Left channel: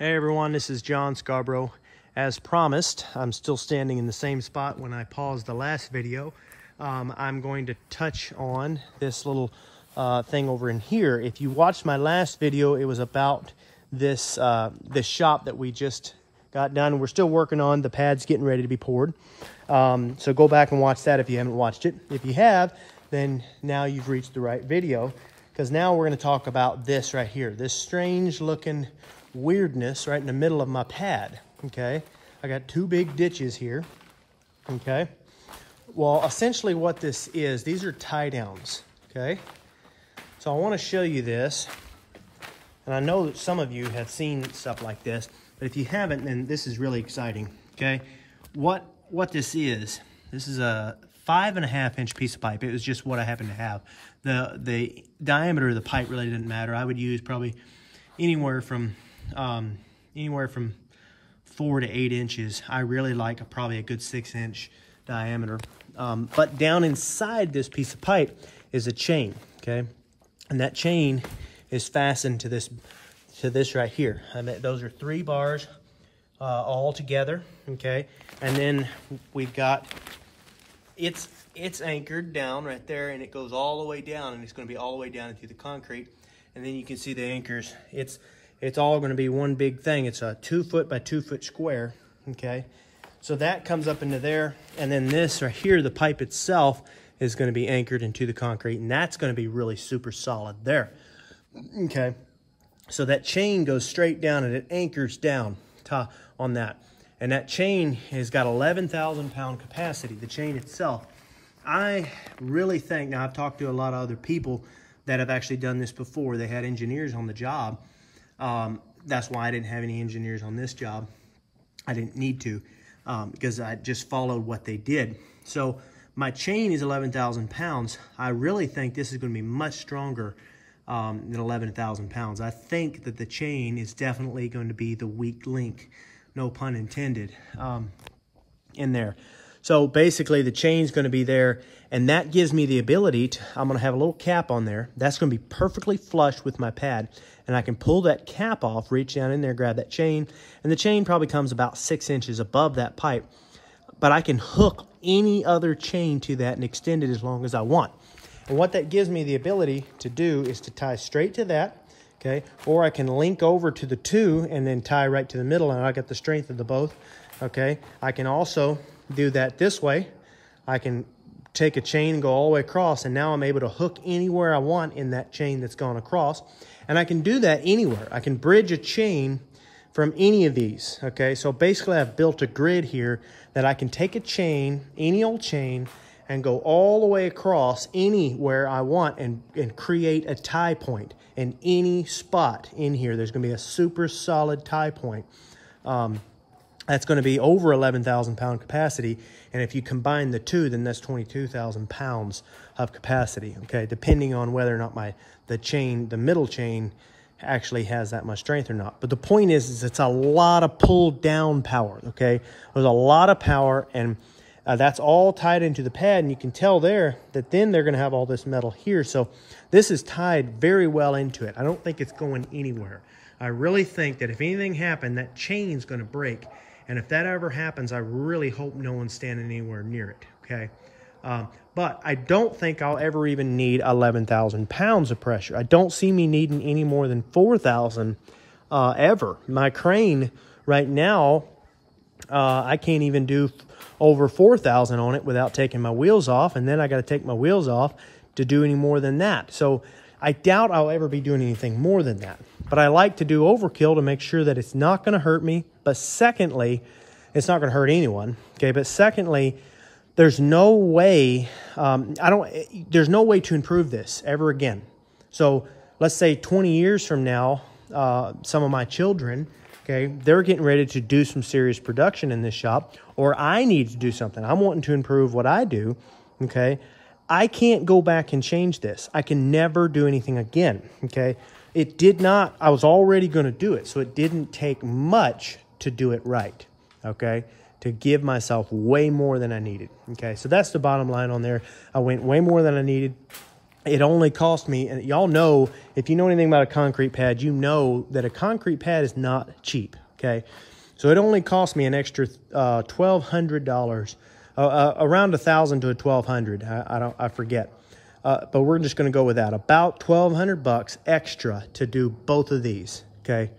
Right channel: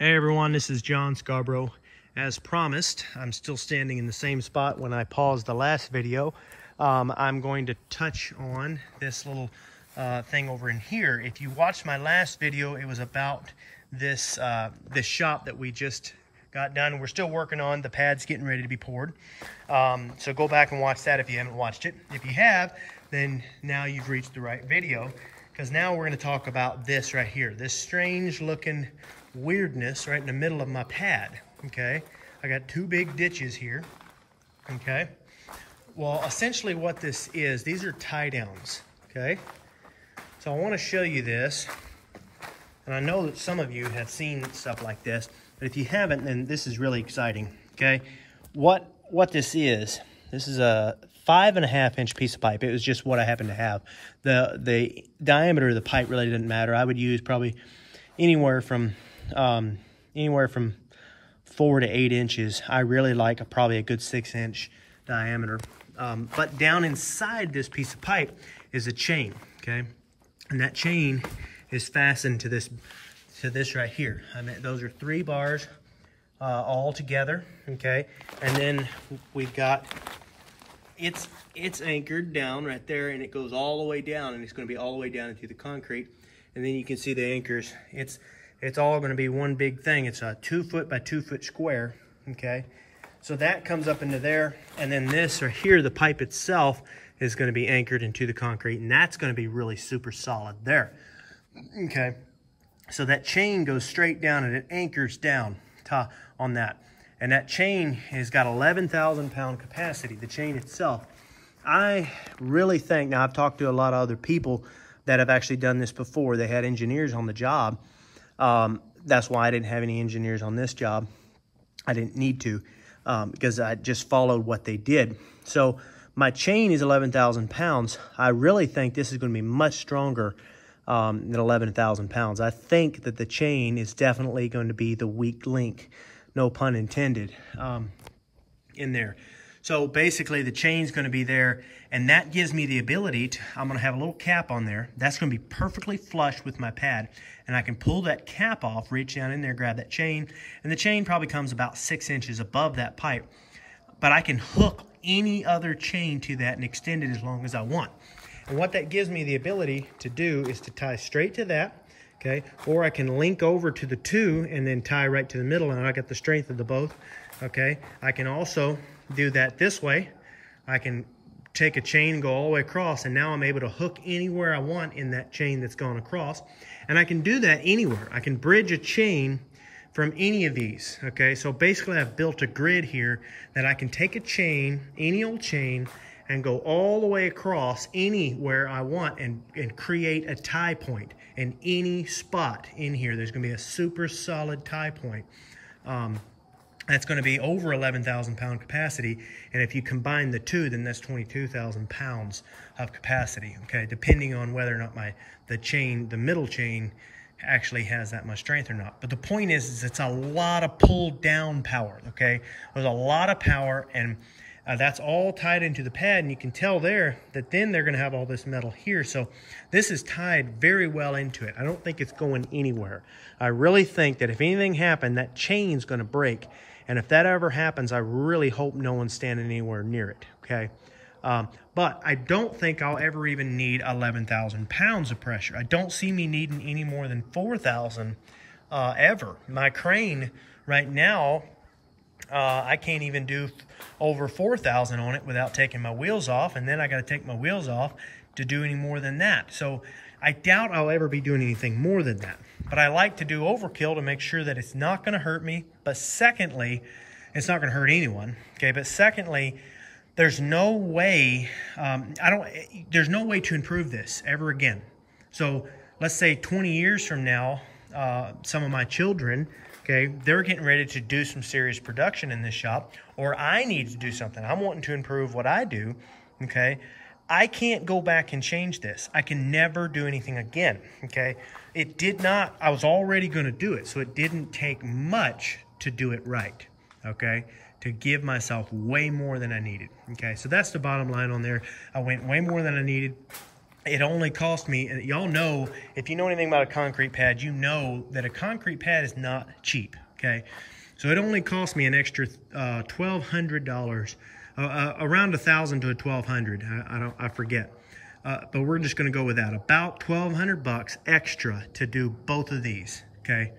Hey everyone, this is John Scarborough. As promised, I'm still standing in the same spot when I paused the last video. I'm going to touch on this little thing over in here. If you watched my last video, it was about this shop that we just got done. We're still working on the pads, getting ready to be poured. So go back and watch that if you haven't watched it. If you have, then now you've reached the right video, because now we're going to talk about this right here, this strange looking weirdness right in the middle of my pad. Okay, I got two big ditches here. Okay, well, essentially what this is, these are tie downs. Okay, so I want to show you this, and I know that some of you have seen stuff like this, but if you haven't, then this is really exciting. Okay, what this is a 5.5 inch piece of pipe. It was just what I happen to have. The diameter of the pipe really didn't matter. I would use probably anywhere from 4 to 8 inches. I really like probably a good 6 inch diameter. But down inside this piece of pipe is a chain, okay? And that chain is fastened to this right here. And those are 3 bars all together, okay? And then we've got, it's anchored down right there, and it goes all the way down, and it's gonna be all the way down into the concrete. And then you can see the anchors. It's all going to be one big thing. It's a 2 foot by 2 foot square. Okay, so that comes up into there, and then this right here, the pipe itself is going to be anchored into the concrete, and that's going to be really super solid there. Okay, so that chain goes straight down and it anchors down on that, and that chain has got 11,000 pound capacity. The chain itself, I really think, now I've talked to a lot of other people that have actually done this before. They had engineers on the job. That's why I didn't have any engineers on this job. I didn't need to, because I just followed what they did. So my chain is 11,000 pounds. I really think this is going to be much stronger than 11,000 pounds. I think that the chain is definitely going to be the weak link, no pun intended, in there. So basically the chain's going to be there, and that gives me the ability to, I'm going to have a little cap on there. That's going to be perfectly flush with my pad, and I can pull that cap off, reach down in there, grab that chain, and the chain probably comes about 6 inches above that pipe. But I can hook any other chain to that and extend it as long as I want. And what that gives me the ability to do is to tie straight to that, okay? Or I can link over to the 2 and then tie right to the middle, and I got the strength of the both, okay? I can also do that this way. I can take a chain and go all the way across, and now I'm able to hook anywhere I want in that chain that's gone across. And I can do that anywhere. I can bridge a chain from any of these, okay? So basically I've built a grid here that I can take a chain, any old chain, and go all the way across anywhere I want and create a tie point. In any spot in here, there's gonna be a super solid tie point. That's going to be over 11,000 pound capacity. And if you combine the 2, then that's 22,000 pounds of capacity, okay? Depending on whether or not the middle chain actually has that much strength or not. But the point is it's a lot of pull down power, okay? There's a lot of power, and that's all tied into the pad. And you can tell there that then they're going to have all this metal here. So this is tied very well into it. I don't think it's going anywhere. I really think that if anything happened, that chain's going to break. And if that ever happens, I really hope no one's standing anywhere near it, okay? But I don't think I'll ever even need 11,000 pounds of pressure. I don't see me needing any more than 4,000 ever. My crane right now, I can't even do over 4,000 on it without taking my wheels off, and then I got to take my wheels off to do any more than that. So I doubt I'll ever be doing anything more than that. But I like to do overkill to make sure that it's not going to hurt me. But secondly, it's not going to hurt anyone. Okay, but secondly, there's no way, there's no way to improve this ever again. So let's say 20 years from now, some of my children, okay, they're getting ready to do some serious production in this shop, or I need to do something. I'm wanting to improve what I do, okay? I can't go back and change this. I can never do anything again, okay? It did not, I was already going to do it, so it didn't take much to do it right, okay? To give myself way more than I needed, okay? So that's the bottom line on there. I went way more than I needed. it only cost me, and y'all know, if you know anything about a concrete pad, you know that a concrete pad is not cheap, okay? So it only cost me an extra $1,200, around $1,000 to $1,200. I forget, but we're just going to go with that. About $1,200 extra to do both of these. Okay,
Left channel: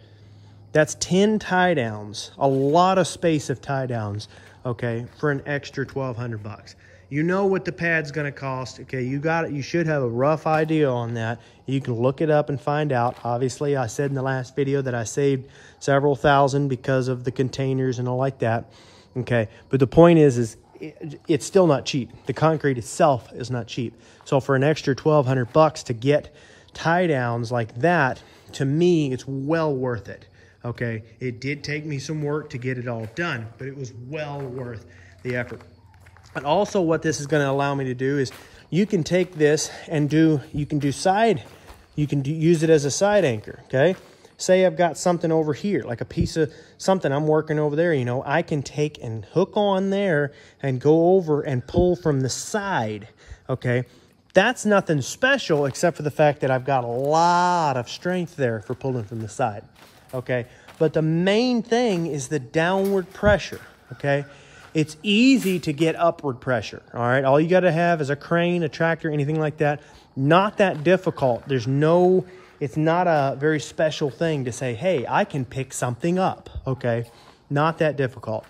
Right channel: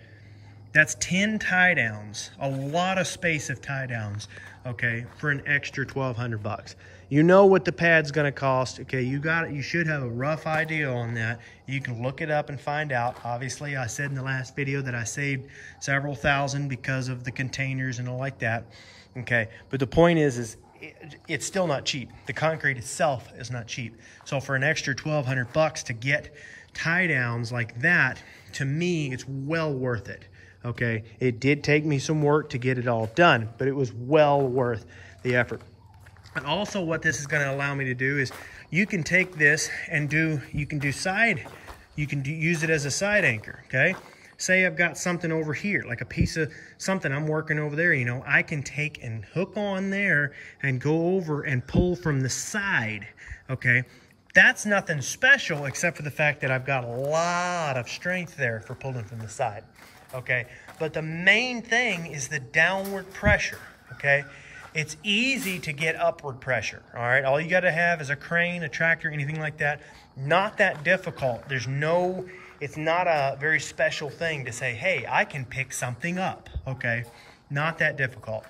that's 10 tie downs, a lot of space of tie downs. Okay, for an extra $1,200. You know what the pad's going to cost. Okay, you got it. You should have a rough idea on that. You can look it up and find out. Obviously, I said in the last video that I saved several thousand because of the containers and all like that. Okay, but the point is it's still not cheap. The concrete itself is not cheap. So for an extra $1,200 to get tie downs like that, to me, it's well worth it. Okay, it did take me some work to get it all done, but it was well worth the effort. And also what this is going to allow me to do is you can take this and use it as a side anchor, okay? Say I've got something over here, like a piece of something I'm working over there, you know, I can take and hook on there and go over and pull from the side, okay? That's nothing special except for the fact that I've got a lot of strength there for pulling from the side, okay? But the main thing is the downward pressure, okay? It's easy to get upward pressure, all right? All you gotta have is a crane, a tractor, anything like that. Not that difficult. It's not a very special thing to say, hey, I can pick something up, okay? Not that difficult.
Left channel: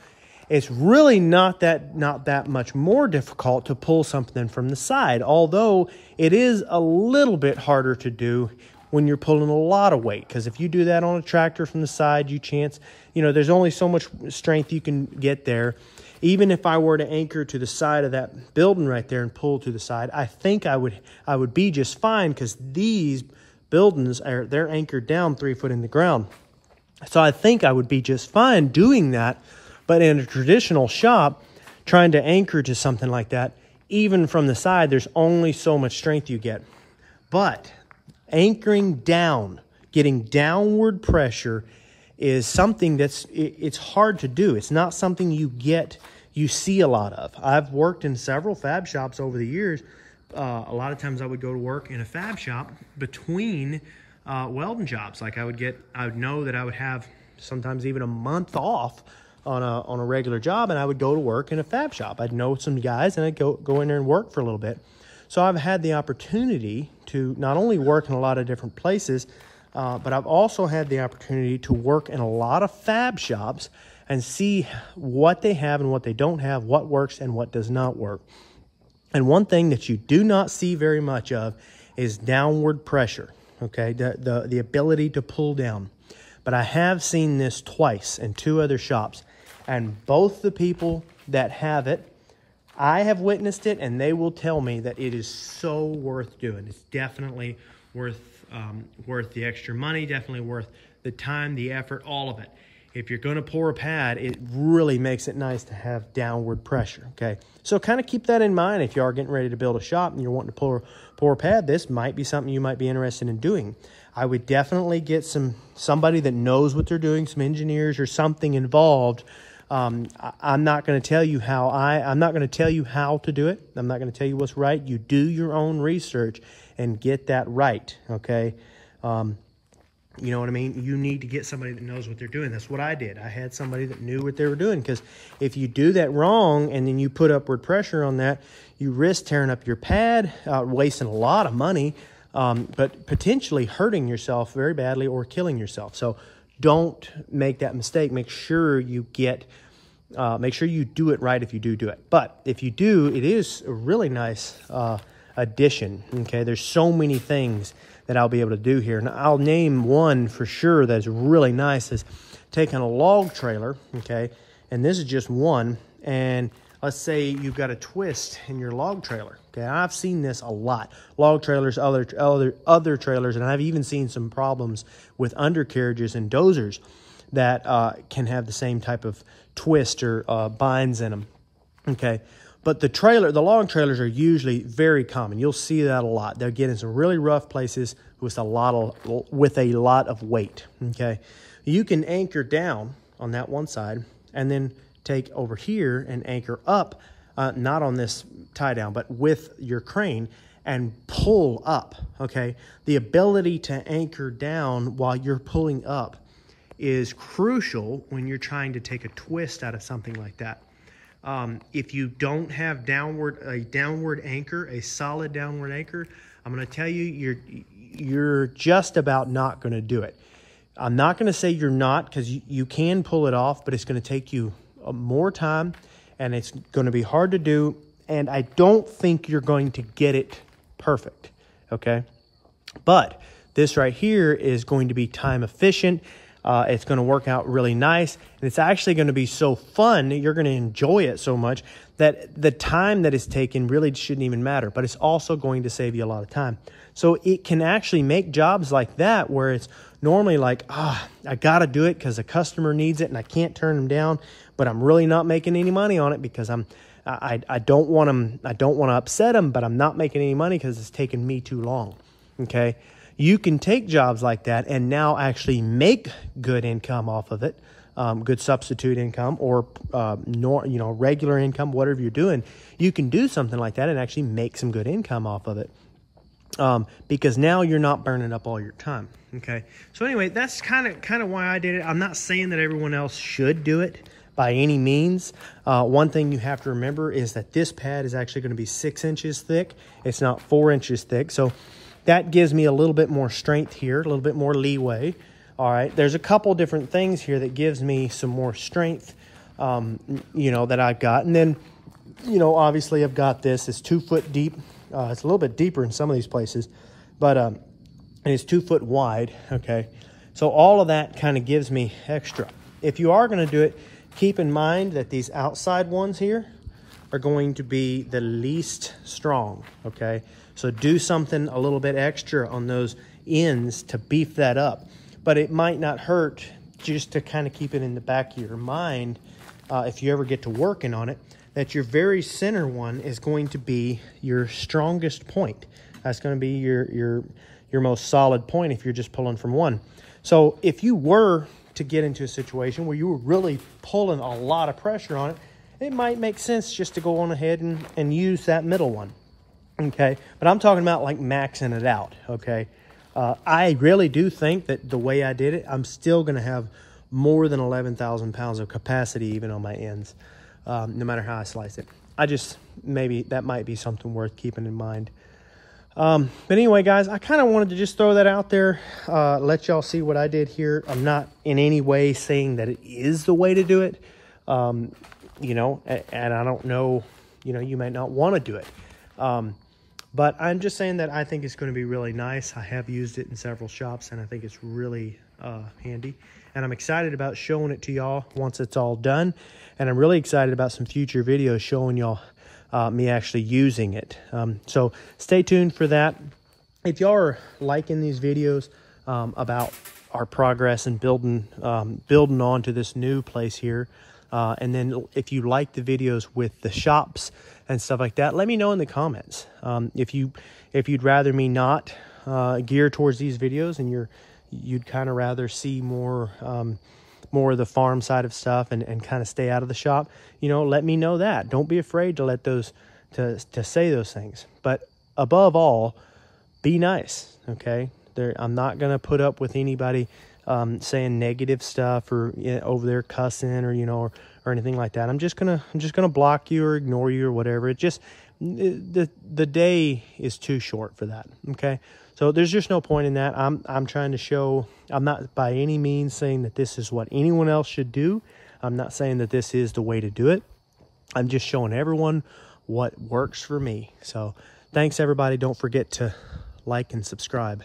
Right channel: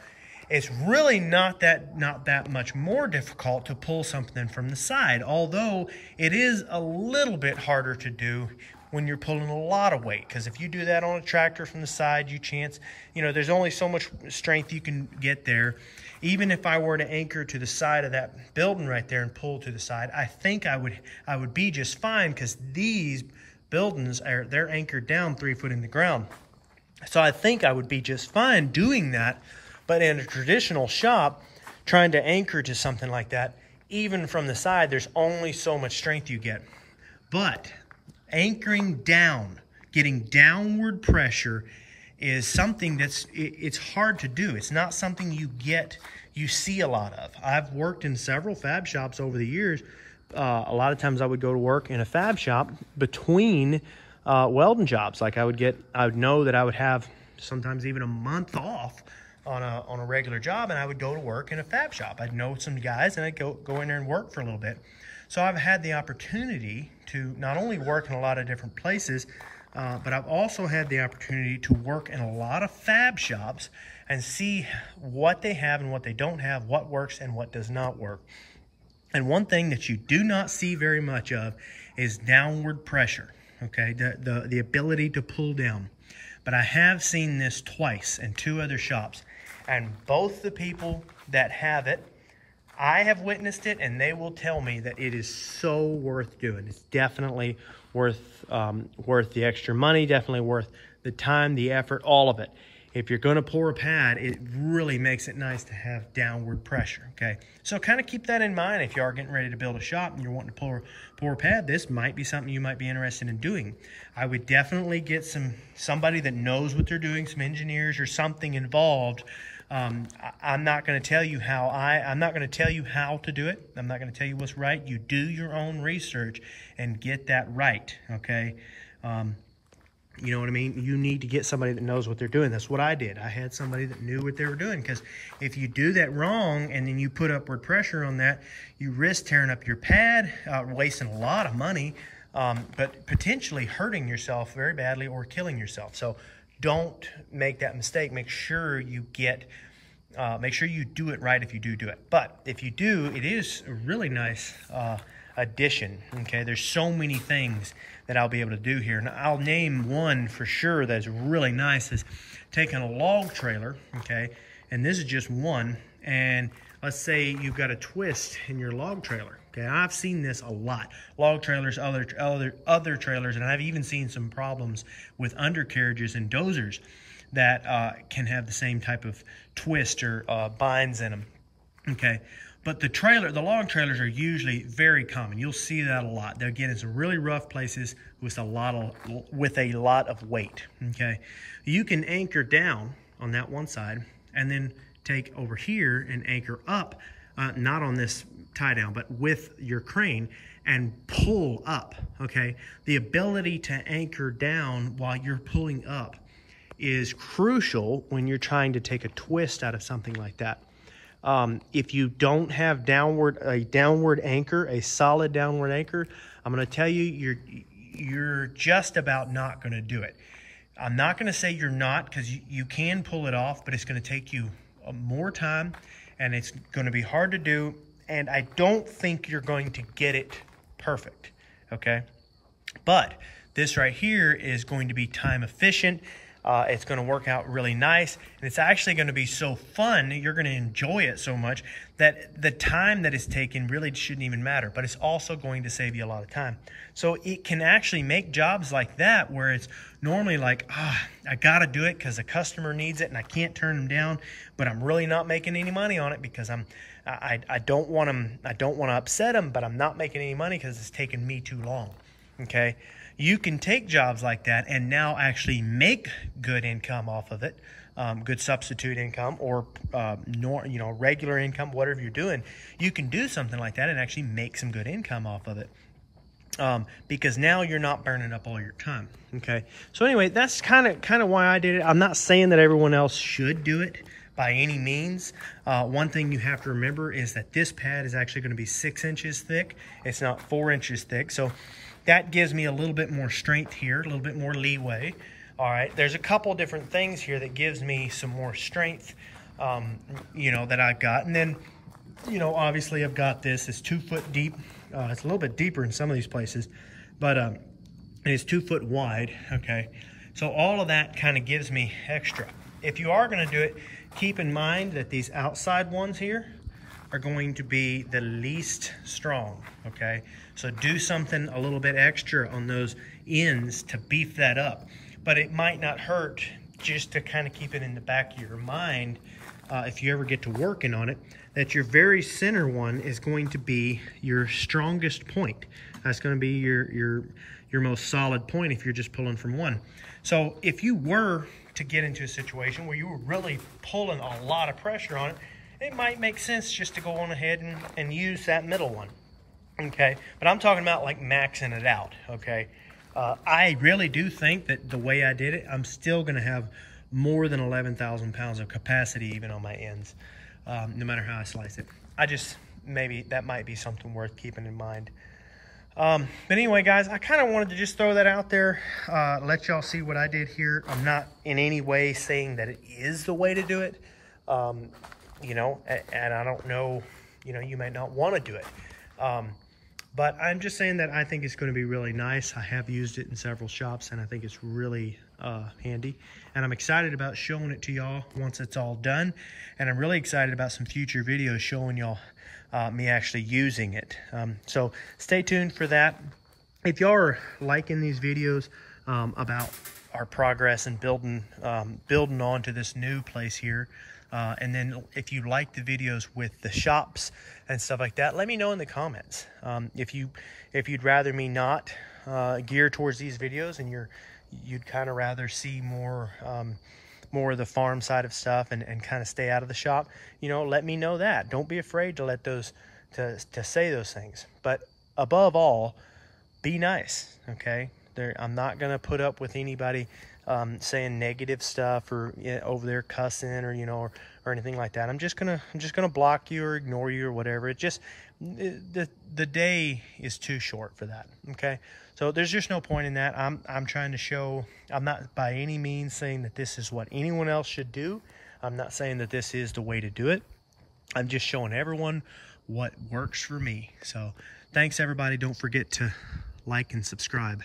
It's really not that much more difficult to pull something from the side, although it is a little bit harder to do when you're pulling a lot of weight, because if you do that on a tractor from the side, there's only so much strength you can get there. Even if I were to anchor to the side of that building right there and pull to the side, I think I would be just fine, because these buildings they're anchored down 3 foot in the ground. So I think I would be just fine doing that. But in a traditional shop, trying to anchor to something like that, even from the side, there's only so much strength you get. But anchoring down, getting downward pressure is something it's hard to do. It's not something you see a lot of. I've worked in several fab shops over the years. A lot of times I would go to work in a fab shop between welding jobs. Like I would know that I would have sometimes even a month off on a regular job, and I would go to work in a fab shop. I'd know some guys, and I'd go in there and work for a little bit. So I've had the opportunity to not only work in a lot of different places, but I've also had the opportunity to work in a lot of fab shops and see what they have and what they don't have, what works and what does not work. And one thing that you do not see very much of is downward pressure, okay? The ability to pull down. But I have seen this twice in 2 other shops, and both the people that have it, I have witnessed it, and they will tell me that it is so worth doing. It's definitely worth the extra money, definitely worth the time, the effort, all of it. If you're going to pour a pad, it really makes it nice to have downward pressure, okay? So kind of keep that in mind if you are getting ready to build a shop and you're wanting to pour a pad. This might be something you might be interested in doing. I would definitely get somebody that knows what they're doing, some engineers or something involved. I'm not going to tell you how I'm not going to tell you how to do it. I'm not going to tell you what's right. You do your own research and get that right, okay? You know what I mean? You need to get somebody that knows what they're doing. That's what I did. I had somebody that knew what they were doing, because if you do that wrong and then you put upward pressure on that, you risk tearing up your pad, wasting a lot of money, but potentially hurting yourself very badly or killing yourself. So don't make that mistake. Make sure you do it right if you do it. But if you do, it is a really nice addition, okay? There's so many things that I'll be able to do here. And I'll name one for sure that's really nice, is taking a log trailer, okay? And this is just one. And let's say you've got a twist in your log trailer, okay? I've seen this a lot. Log trailers, other trailers, and I've even seen some problems with undercarriages and dozers that can have the same type of twist or binds in them, okay? But the log trailers are usually very common. You'll see that a lot. They'll get in some really rough places with a lot of weight, okay? You can anchor down on that one side and then take over here and anchor up, not on this tie down, but with your crane, and pull up, okay? The ability to anchor down while you're pulling up is crucial when you're trying to take a twist out of something like that. If you don't have a downward anchor, a solid downward anchor, I'm going to tell you, you're just about not going to do it. I'm not going to say you're not, because you can pull it off, but it's going to take you more time, and it's going to be hard to do, and I don't think you're going to get it perfect, okay? But this right here is going to be time efficient. It's going to work out really nice, and it's actually going to be so fun. You're going to enjoy it so much that the time that it's taken really shouldn't even matter, but it's also going to save you a lot of time. So it can actually make jobs like that where it's normally like, I got to do it because the customer needs it and I can't turn them down, but I'm really not making any money on it because I don't want to upset them, but I'm not making any money because it's taken me too long. Okay. You can take jobs like that and now actually make good income off of it, good substitute income, or regular income, whatever you're doing. You can do something like that and actually make some good income off of it, because now you're not burning up all your time. Okay, so anyway, that's kind of why I did it. I'm not saying that everyone else should do it by any means. One thing you have to remember is that this pad is actually going to be 6 inches thick. It's not 4 inches thick, so that gives me a little bit more strength here, a little bit more leeway. All right, there's a couple different things here that gives me some more strength, that I've got. And then, obviously I've got this. It's 2 foot deep. It's a little bit deeper in some of these places, but it's 2 foot wide, okay? So all of that kind of gives me extra. If you are gonna do it, keep in mind that these outside ones here are going to be the least strong, okay? So do something a little bit extra on those ends to beef that up. But it might not hurt just to kind of keep it in the back of your mind, if you ever get to working on it, that your very center one is going to be your strongest point. That's going to be your most solid point if you're just pulling from one. So if you were to get into a situation where you were really pulling a lot of pressure on it, it might make sense just to go on ahead and use that middle one. Okay, but I'm talking about like maxing it out, okay? I really do think that the way I did it, I'm still going to have more than 11,000 pounds of capacity even on my ends, no matter how I slice it. Maybe that might be something worth keeping in mind. But anyway, guys, I kind of wanted to just throw that out there, let y'all see what I did here. I'm not in any way saying that it is the way to do it, and I don't know, you might not want to do it. But I'm just saying that I think it's going to be really nice. I have used it in several shops, and I think it's really handy. And I'm excited about showing it to y'all once it's all done. And I'm really excited about some future videos showing y'all me actually using it. So stay tuned for that. If y'all are liking these videos about our progress and building onto this new place here, and then if you like the videos with the shops and stuff like that, let me know in the comments. If you'd rather me not gear towards these videos and you'd kind of rather see more of the farm side of stuff and kind of stay out of the shop, let me know that. Don't be afraid to let those to say those things. But above all, be nice, okay? I'm not gonna put up with anybody saying negative stuff or over there cussing or anything like that. I'm just gonna block you or ignore you or whatever. The day is too short for that. Okay, so there's just no point in that. I'm trying to show. I'm not by any means saying that this is what anyone else should do. I'm not saying that this is the way to do it. I'm just showing everyone what works for me. So thanks everybody. Don't forget to like and subscribe.